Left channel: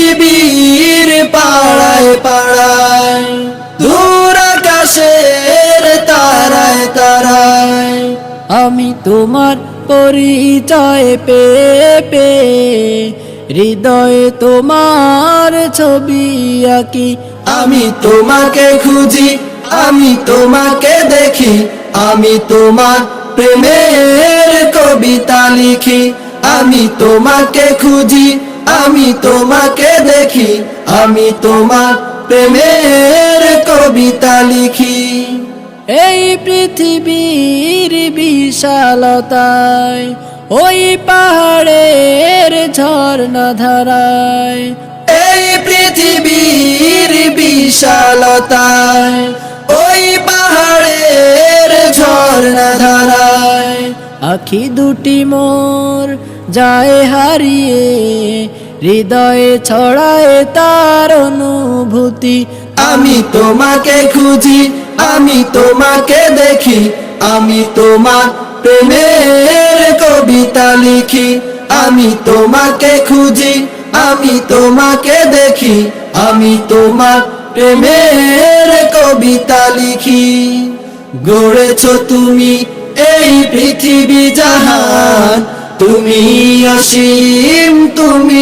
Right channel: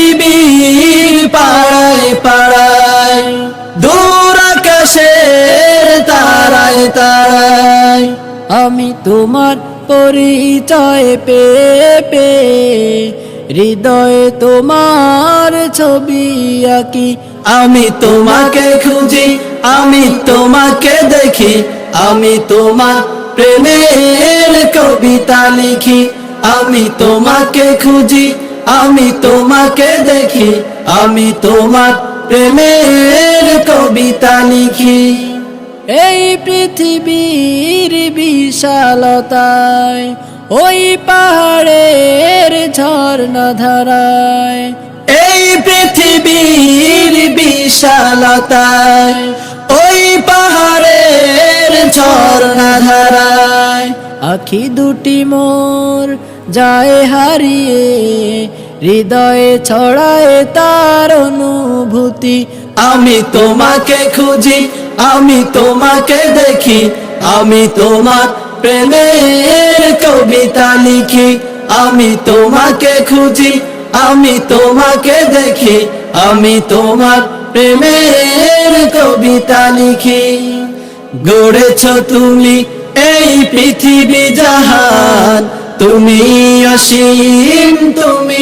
পৃথিবীর পাড়ায় পাড়ায়, দূর আকাশের তারায় তারায়। আমি তোমার পরিচয় পেয়ে পেয়ে হৃদয়ে তোমার ছবি আঁকি। আমি তোমাকে খুঁজি, আমি তোমাকে দেখি। আমি তোমার প্রেমের কবিতা লিখি। আমি তোমাকে খুঁজি আমি তোমাকে দেখি আমি তোমার প্রেমের কবিতা লিখি। এই পৃথিবীর বিশালতায় ওই পাহাড়ের ঝর্ণা ধারায় এই পৃথিবীর বিশালতায় ওই পাহাড়ের ঝর্ণা ধারায় আখি দুটি মোর যায় হারিয়ে হৃদয়ে ছড়ায় তার অনুভূতি। আমি তোমাকে খুঁজি, আমি তোমাকে দেখি, আমি তোমার প্রেমের কবিতা লিখি। আমি তোমাকে খুঁজি, আমি তোমাকে দেখি, আমি তোমার প্রেমের কবিতা লিখি। গড়েছ তুমি এই পৃথিবী জাহান, তুমি অসীম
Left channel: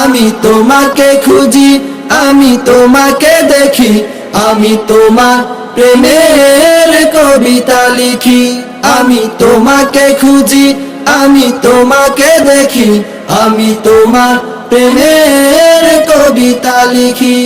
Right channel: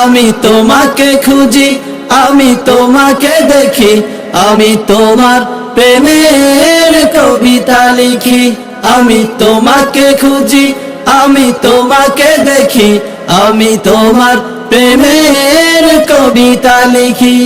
আমি তোমাকে খুঁজি, আমি তোমাকে দেখি, আমি তোমার প্রেমের কবিতা লিখি। আমি তোমাকে খুঁজি, আমি তোমাকে দেখি, আমি তোমার প্রেমের কবিতা লিখি।